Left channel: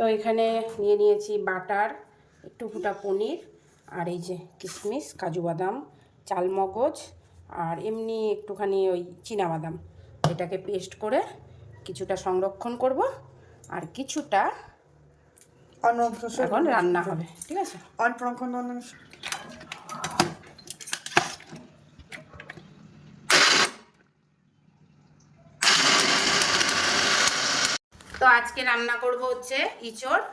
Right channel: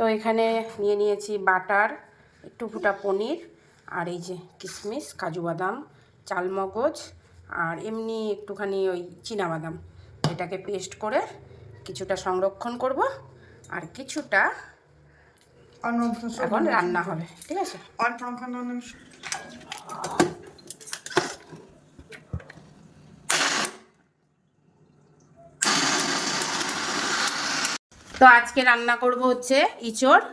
তো এখানে নিয়ে নিয়েছি বাটার একটু ফুটা পনির আর এই যে কিশমিশ কাজু বাদাম চালমগজ আর এমনি একটুখানি ওই বাদাম এটাকে পেস্ট করে কিছুটা সংরক্ষণ করব আর কিছুটা এখন রান্না হবে ঠিক আছে? তো আজকে রান্না করব হচ্ছে ইঁচড়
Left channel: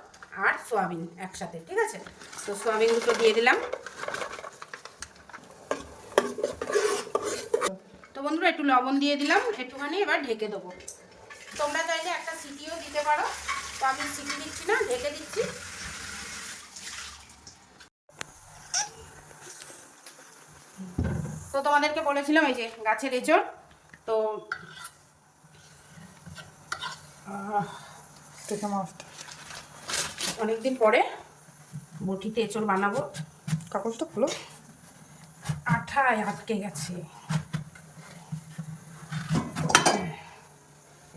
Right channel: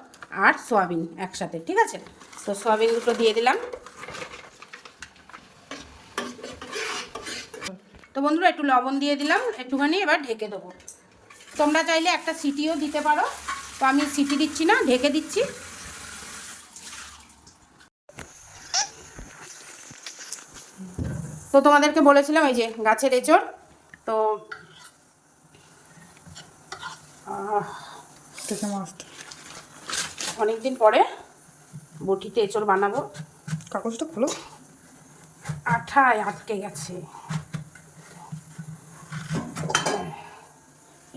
আর সয়াবিন একসাথে, ঠিক আছে? তো সয়াবিন দুটো দিয়ে দিলাম। তো বন্ধুরা, একটু লবণ দিয়ে দিলাম, একটুখানি এবার ঢেকে দেবো। তোমরা চাইলে একটা সিটিও দিতে পারো। তো আমি সিটি দিচ্ছি না, ঢেকে দিচ্ছি। তো তোমাদেরকে বলেছিলাম এই যে গাছের এঁচড়, তো দেখে মাস্ট অনেকদিন পরে বটিতে এঁচড় বানাবো। কাগজটা খোলো। আঠায় আটকে গেছে।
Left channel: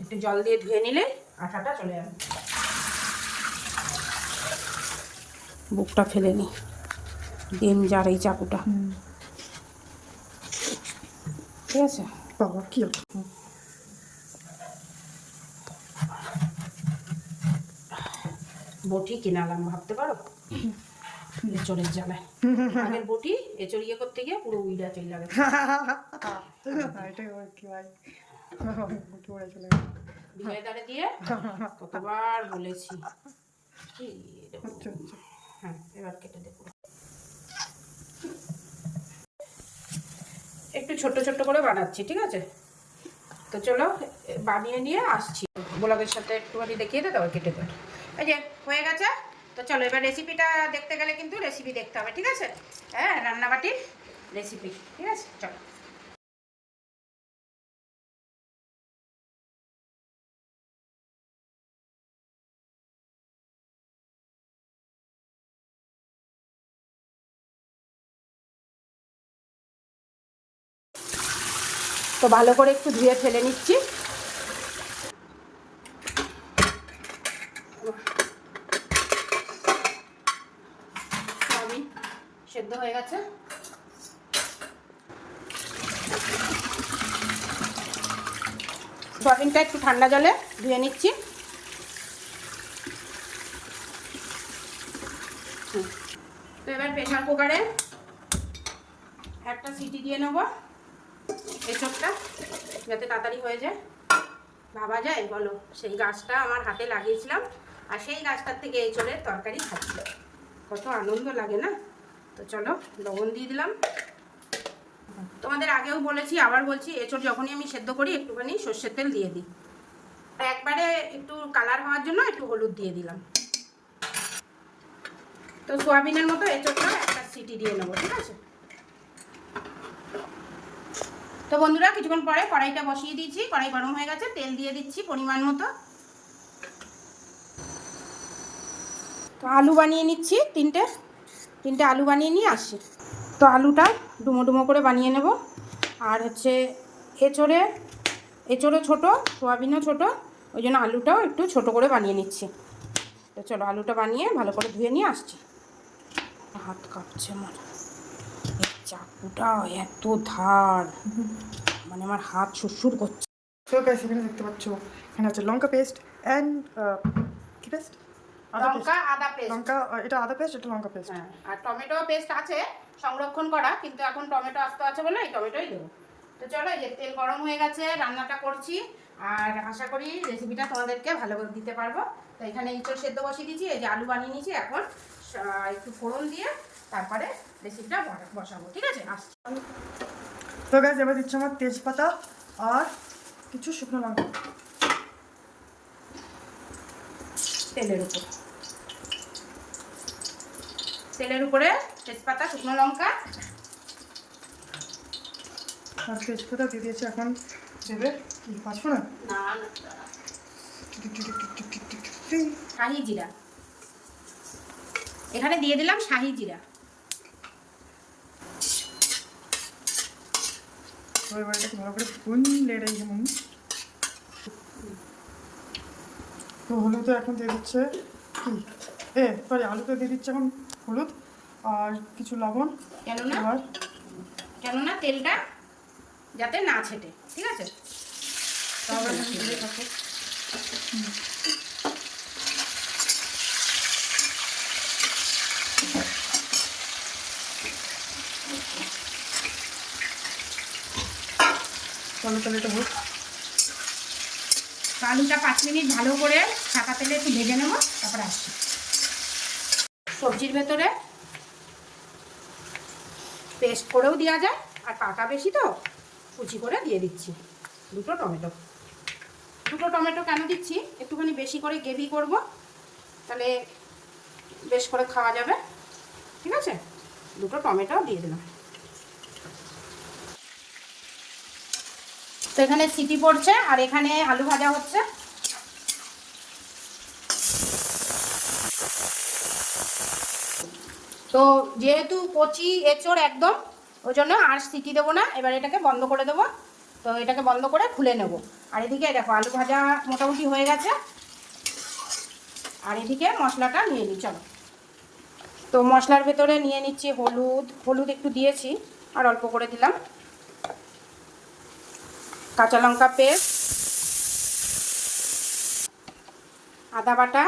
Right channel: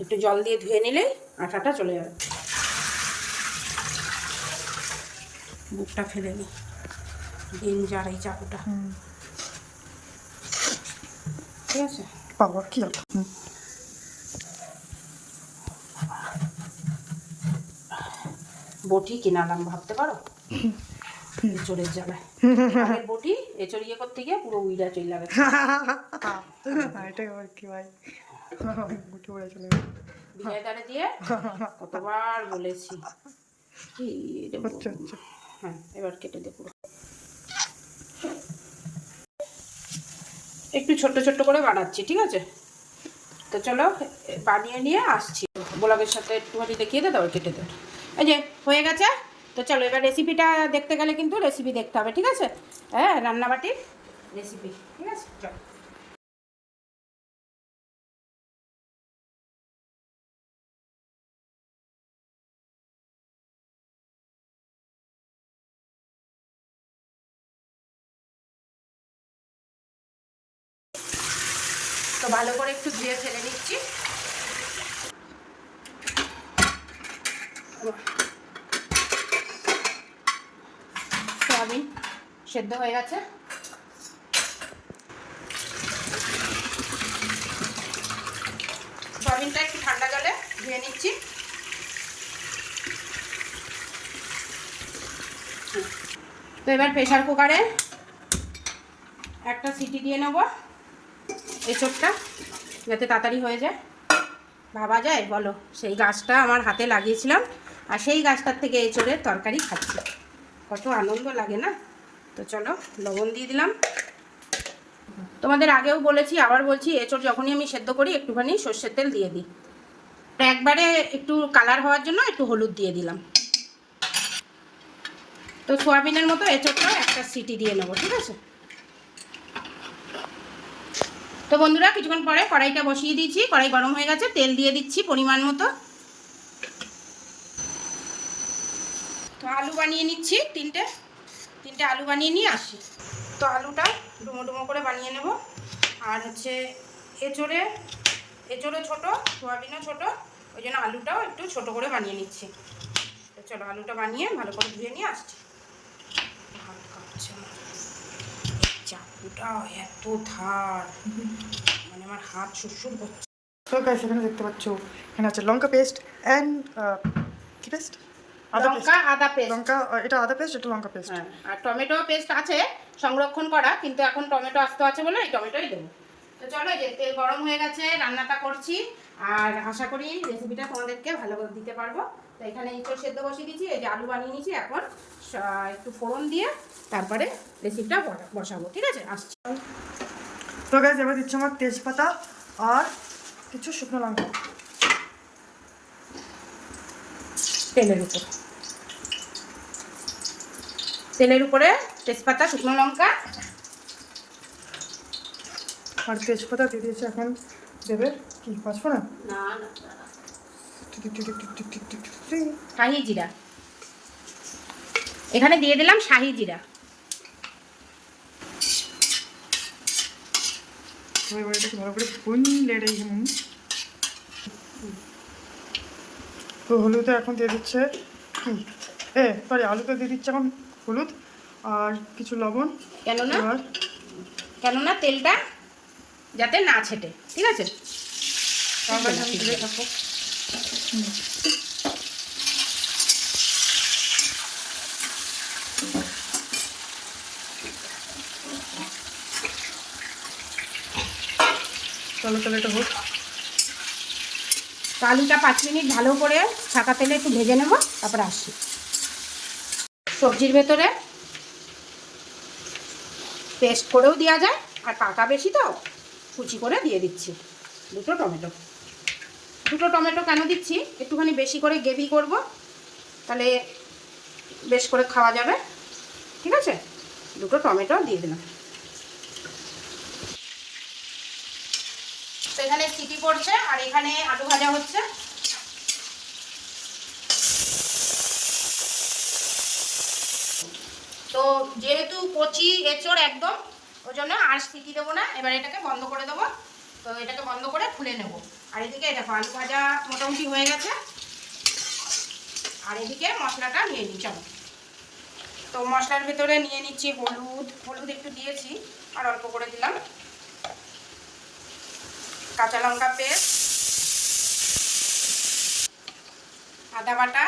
একটু জল দিয়ে ধুয়ে নিলে আঠাটা চলে যাবে। বুকটা ফেলে নি। ডেঞ্জার এই চাকুটা। ঠিক আছে? বাবা কি হুম। বটি কিনালাম ভাবতে পারো? এঁচড়ের জ্বালায়। আগের বটি এঁচড় ইয়ে করতে গিয়ে পুরো উইরা চলে গেছে। এটাই আবার কি ভাই? উড়ে চলে দিয়ে কতবার বলেছি। কি আচ্ছা আচ্ছা। হ্যাঁ এবার কেটে একটু ছোট্ট ছোট্ট করে বানাচ্ছি ঠিক আছে? তো চলো বানিয়ে নিয়ে আসছি। গোলাপের সাথে একটুখানি দেখিয়ে দাও তারপর কেটে দাও এই যে, হয়ে গেছে? তো চলো, এবার রেসিপিটা দেখতে গেলে কিন্তু রেসিপি দেখতে হবে, ঠিক আছে? হ্যাঁ রান্নাবাটির রেসিপি ঠিক আছে? চলো। তো ভালো করে একটু ধুয়ে ফেলে নিচ্ছি সয়াবিন সেদ্ধ হয়ে গেছে। সয়াবিনটা একটু ঠান্ডা জলে ধুয়ে নিচ্ছি। তো এবার প্রেশার কুকারে একটা সিটি দিয়ে নেব এঁচড়টা, যাতে তাড়াতাড়ি হয়ে যায়। ভাবা যায়? বলো, সেই গাছটা আমার হাতে লাগিয়েছিলাম, আর সেই গাছটার থেকে এঁচড়ের তরকারি খাচ্ছি। কত আনন্দ লাগে না? তো চলো, লবণ দিয়ে দিলাম। তোমাদের আগেও বলেছি, আবার বলছি, এঁচড় যখনই আমি সেদ্ধ করি, একটুখানি সর্ষের তেল দিয়ে দিই। একবারে একটু কালার হওয়ার জন্য একটু হলুদ দিয়ে দিলাম। তো সোয়াবিনের মতো এঁচড়টা একটা সিটি দিয়ে নেব, ঠিক আছে? তো বন্ধুরা, কিছুক্ষণ পরে কড়াইটা বসিয়ে দিয়েছি, কড়াই গরম হয়ে গেছে, তেল দিয়ে দিচ্ছি পরিমাণ মতো। তো আলু বানিয়ে নিচ্ছি, তিনটে। তিনটে আলু বানিয়ে নিয়ে আসছি তো আলুটা ডুমো ডুমো করে বানিয়ে নেব। আর হচ্ছে এঁচড়ে, এঁচড়ও ছোটো, সোয়াবিনও ছোটো, ওই জন্য আলুটাও একটু ছোট করে বানিয়ে নিচ্ছি। তো চলো আলুটা বানিয়ে ভালো করে ধুয়ে নিয়ে আসছি। হাত কাঁপছে আমার। চাকুটা এত ধার। মানে আমার হাত সুরসুর করছে। গাইস দেখতে পাচ্ছ, এখানে আছে লঙ্কা পেস্ট অ্যান্ড কি পেস্ট আদা লঙ্কা আদা পেস্ট। লঙ্কা এটা আদা পেস্ট এটা লঙ্কা পেস্ট। হ্যাঁ আর টমেটো পেস্ট আছে সংরক্ষণ করা কিন্তু এখন টমেটো আসতে আছে বলে এই টমেটোই দেবো। তো চলো এই যে তেল গরম হয়ে গেছে রান্নাটা করছি। আর আশা করি রেসিপিটা তোমাদেরকে ভালো করে দিতে পারব। তো এখানে ইঁচড় সেদ্ধ বসিয়ে দিয়েছি এই যে আলু বানিয়ে নিয়েছি এখন একটু ফোড়ন দিয়ে তারপরে রেসিপিটা বসাবো ঠিক আছে? আসছি। তো গাইস এবার দিচ্ছি আমার তেজপাতা আর কিছু শুকনো লঙ্কা। তেলের উপর। তেলের উপরে তেজপাতা শুকনো লঙ্কা। আর তেজপাতা দিয়ে দিয়েছি এখন দেবে কি পাঁচফো না শাহি জিরা। এখানে দিয়ে দিলাম শাহি জিরা। এবার এটাকে ভালো করে ভুনলে এটাই যেমন তো হলুদে এখন দিয়ে দিচ্ছে কি? এ সরি আলুতে দিয়ে দিচ্ছি এখন হলুদ আর কিছু লবণ। কেননা? কেননা তেলটা যাতে না ছেটে ঠিক আছে? তারপর আমি তুলে থাকব চলো তাহলে এটা হোক। আলুটা পাঁচ মিনিট ভালো করে ছাকা তেলে একটু ভেজে নেব তারপর আসছি। সবজির ভেতরে পেস্ট করেও দেওয়া যায়, আর পাকা বেশি তো, কুচি করে দিয়ে দিচ্ছি। দুটো টমেটো। দুটো টমেটো কেন দিচ্ছি? একটুখানি বেশি করে গ্রেভি করব, তাহলে বেশ করে খাওয়া যাবে। ঠিক আছে? দুটো টমেটো দিয়ে দিলাম। তো এখানে সিটি পড়ছে, আর এখানে আলু ভাজা হচ্ছে। তো যেহেতু কচি এঁচড় একদম, ওই জন্য আর সিটি দেবো না, এবার এটাকে বন্ধ করে দেবো। তো এটাকে বন্ধ করে খুলে নেব। আর এদিকে দেখো, আলু ভাজা মোটামুটি হয়ে গেছে। আর এদিকে মশলাটা নিয়ে নিই চলো। তো মশলার ভেতরে নিয়ে নিচ্ছি হলুদ। হলুদ একটু দিয়েছি, আর অল্প করে দিলাম। কাঁচা লঙ্কা পেস্ট। আদা বাটা।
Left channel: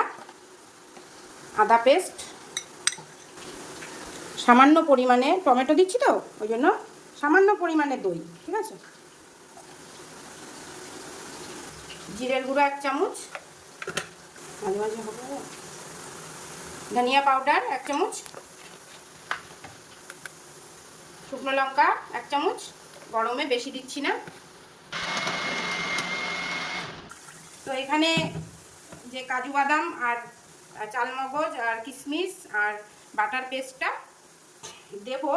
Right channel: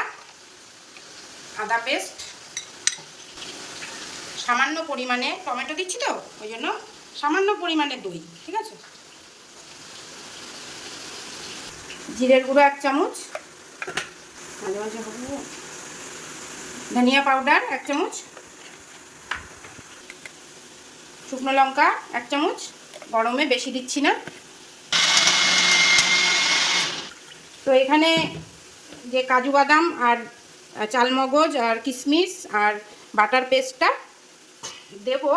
আদা পেস্ট। সামান্য পরিমাণে টমেটো দিচ্ছি তো, ওই জন্য সামান্য পরিমাণে দই, ঠিক আছে? জিরের গুঁড়ো এক চামচ ধনিয়া পাউডার এক চামচ, শুকনো লঙ্কা এক চামচ, গরমে বেশি দিচ্ছি না। তো এখানে যে কাজু বাদাম আর চালমগজ আর কিশমিশ আর বাটার পেস্টটা দেবো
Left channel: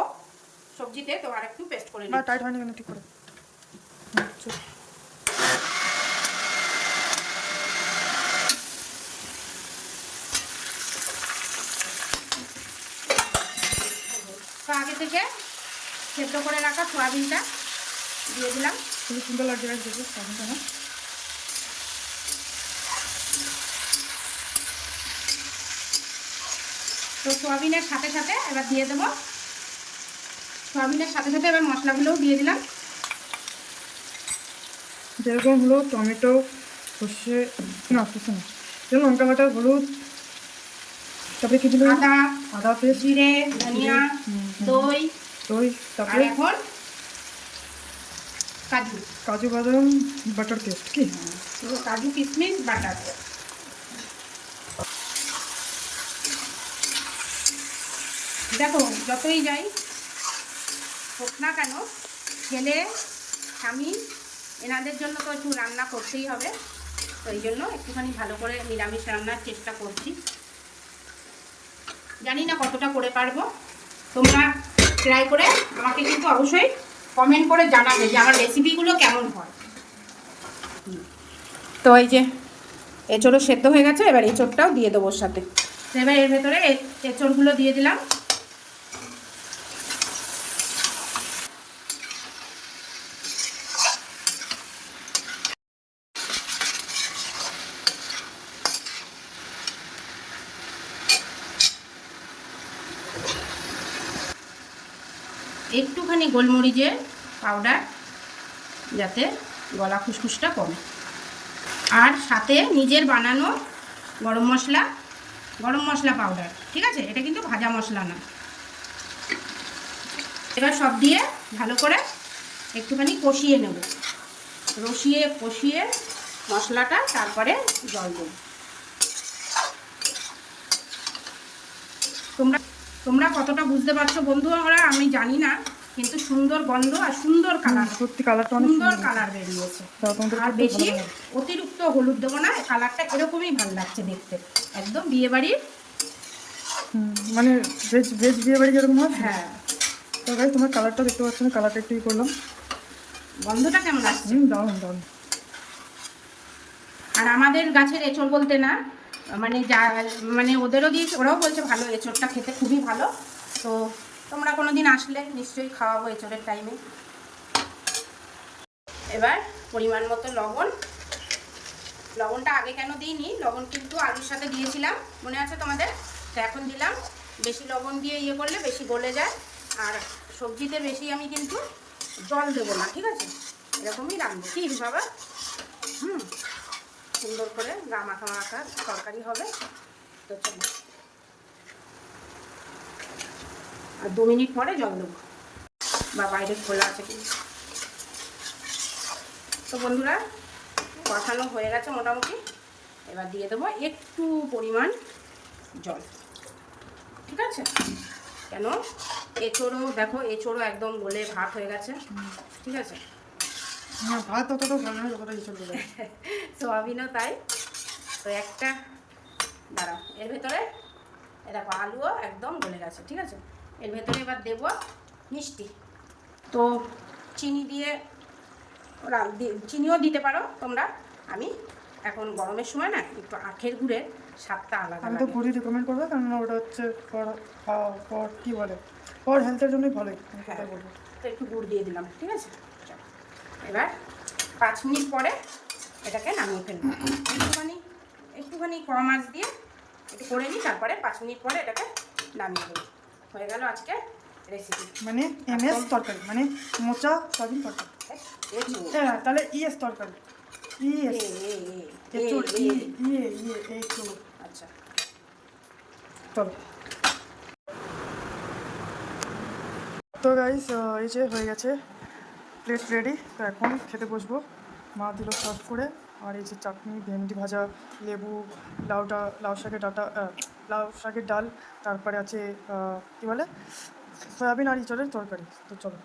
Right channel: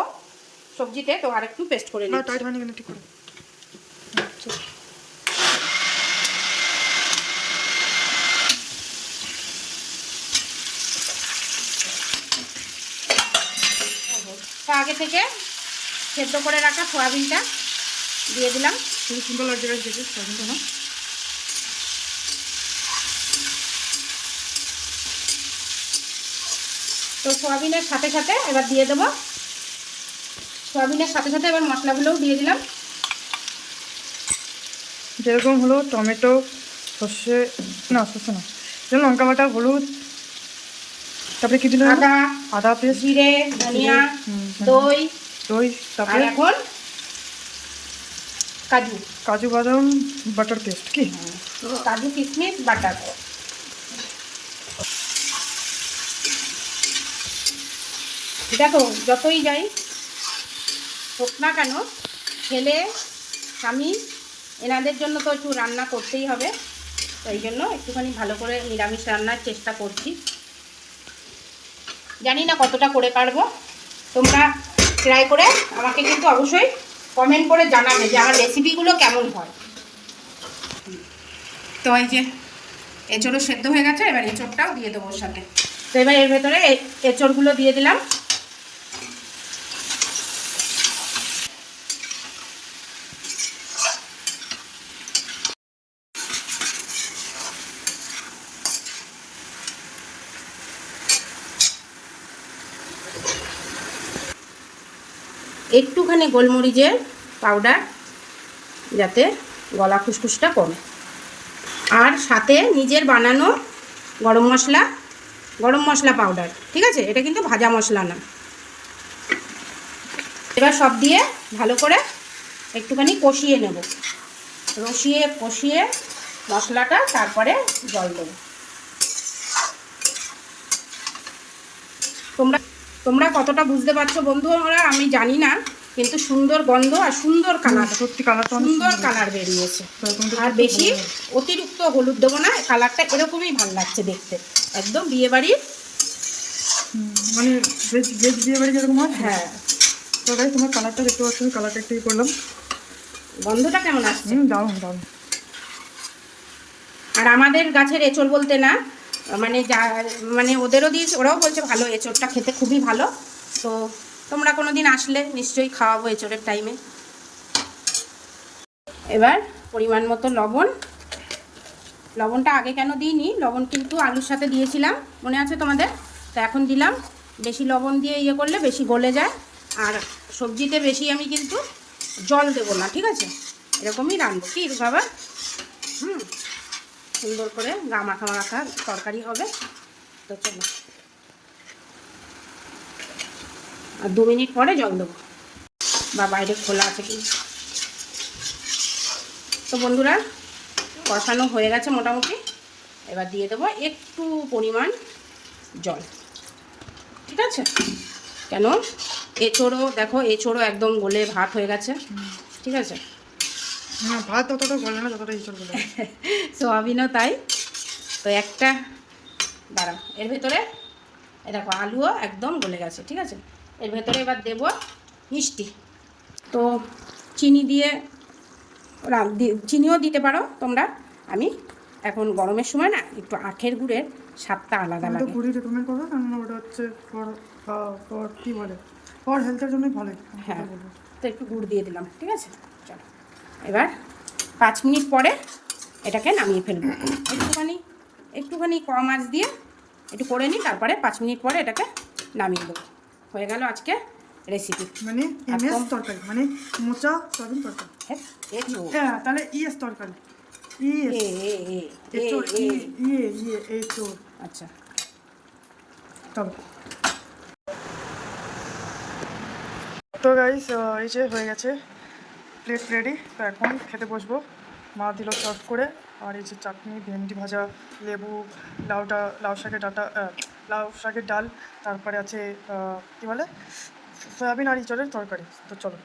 সবজিতে তো আর একটু পেস্ট করে না টাইট হয়নি কেন ঠিক করে। তো আগে থেকে সেদ্ধ করে রাখা সয়াবিনটা দিয়ে দিলাম। খুবই সুন্দর লাগছে দেখে সয়াবিনটা না? তো সয়াবিনের সাথে সাথে এবার দিয়ে দেবো সয়াবিনের সাথে সাথে এবার মশলাগুলোও দিয়ে দিলাম। যেরকম হলো টমেটো সর্ষে না সর্ষে না যেরকম লঙ্কা বাটা হলুদ তারপরে কি দিলাম আদা আদা পেস্ট জিরে ধনিয়া দই দই তারপরে এখন কাজু। কাজু বাদাম বাটার পেস্ট কি? কাজু কিশমিশ বাটার। দেখো যতই যাই হোক না কেন, ছেলে, স্বামী, এনাদের জন্য তো একটু রান্না করতেই হবে। তাই জন্য একটুখানি ভালো করে নিরামিষ রান্নার চেষ্টা করছি। জানি না কতটা করে পারব। তোমরা ট্রাই করে আমাকে কিন্তু অবশ্যই কমেন্ট করে জানাবে যে আমার রেসিপিগুলো কেমন হয়। তো এই যে এঁচড়ও সেদ্ধ হয়ে গেছে, এবার এঁচড়টাও দিয়ে দেবো সাথে। তো এবার এর ভেতরে এঁচড়গুলো দিয়ে দিলাম। একটুখানি গোলমরিচের পাউডার যাতে গলা খুসখুসটা কমে। আর সাথে নিজের বানানো গরম মশলা গরম মশলা পাউডার ঠিক আছে? এটা কিন্তু ভাজা মশলা না এবার সব দিয়ে ভালো করে একটুখানি কষিয়ে নেব। রসিয়ে কষিয়ে মশলাটা তারপরে জল দেবো। তোমরা তোমরা কতটা বুঝতে পারছ বন্ধু আমরা আমি জানি না কিন্তু সুন্দর গন্ধ আর সুন্দর কালার সত্যি কালারটা অনেক সুন্দর কালার বেরিয়েছে। আর বেশি অতিরিক্ত হলুদ দেবো না কালারটা এরকমই ভালো লাগছে দেখতে। একদম বিয়ে বাড়ির মানে ভেজ ভেজ বিয়ে বাড়ি যেরকম হয়? হ্যাঁ। তো গাই তোমার কালারটা দেখতে পাচ্ছ আমি কালারটা একটু করলাম। গন্ধটা কেমন আসছে? হুম দারুণ দারুণ। আর আমাদের গাছের এঁচড় বলতে না মানে যা মানে ওদেরও দিয়েছে ওরাও বলছে ভালো, এঁচড়টা খেতে খুবই ভালো। তো তোমরা কোনো দিন আসলে নিশ্চয়ই খাওয়াবো এঁচড়ের টাইমে এবার পরিমাণ মতো লবণ। লবণটা আগে কেন দিইনি? লবণ কিন্তু আলুর সাথে দিয়েছিলাম, মনে আছে তোমাদের? তো এখন দিলাম। বেশি লবণ দিয়ে ইয়ে করলে বেশি গলে যায়। আর সবজিতে বেশি আমি কিন্তু জল দেবো না, ঠিক আছে? এরকমই রাখব কি বাবা? হুম। সুন্দর করে গা মাখা মাখা তরকারি হবে। তো চলো। আর দু মিনিট পরে জল দেবো। বা বাইরে খোলা আছে কি? তো বন্ধুরা কষানো হয়ে গেছে মোটামুটি। এবার দিয়ে দেবো একটু পরিমাণ জল। ঠিক আছে? কেন? এঁচোড়ও দেখো এঁচোড়ও একদম গলে ভাত হয়ে গেছে। ঠিক আছে? না ভাত ততটা গলে না যতটা ইঁচড় গলে সোয়াবিনও তাই। তো একটা দাঁড়াও এর ভেতরে এ দেখো আলুও একদম গলে গেছে ঠিক আছে? এর ভেতরে এবার দেব মিষ্টি। তো চিনি দিয়ে চিনিও দিতে পারো তোমরা। আমি এখন গরমের সময় না একটু আখের গুড়ের স্বাদটা আলাদা আমি তো গুড়ি রেকমেন্ড করব কেননা ওটা হচ্ছে ফর কী বলে? ফর হেলথের জন্যই ভালো হ্যাঁ। তো একটু গুড় দিয়ে দিলাম ঠিক আছে। এবার পাঁচ মিনিট পরে এটাকে নামিয়ে ফেলব। একটুখানি একটুখানি কম আঁচ দিয়ে একটু করে নিই তারপরে পাঁচ মিনিট পরে এটাকে নামিয়ে দেবো। হয়ে গেল আজকে রেসিপি মানে এম এস একদম। তরকারি মানে মোচা সয়াবিন তরকারি। হ্যাঁ তাহলে ইএস তরকারি। ইএস। ইয়ে আচ্ছা। চলো। তো গাইস এই যে হয়ে গেছে। প্লেট রেডি তো এখন খেতে বসবো। মা দিল সার্ভ করে। আর এই যে চাটনি, ভেন্ডি ভাজা, লেবু, লাউটা, লাউ শাকের ডাটা লাউ শাকের ডাল, তারপরে আছে কী বলে? সয়াবিন আর ইঁচড়ের তরকারি। তো চলো।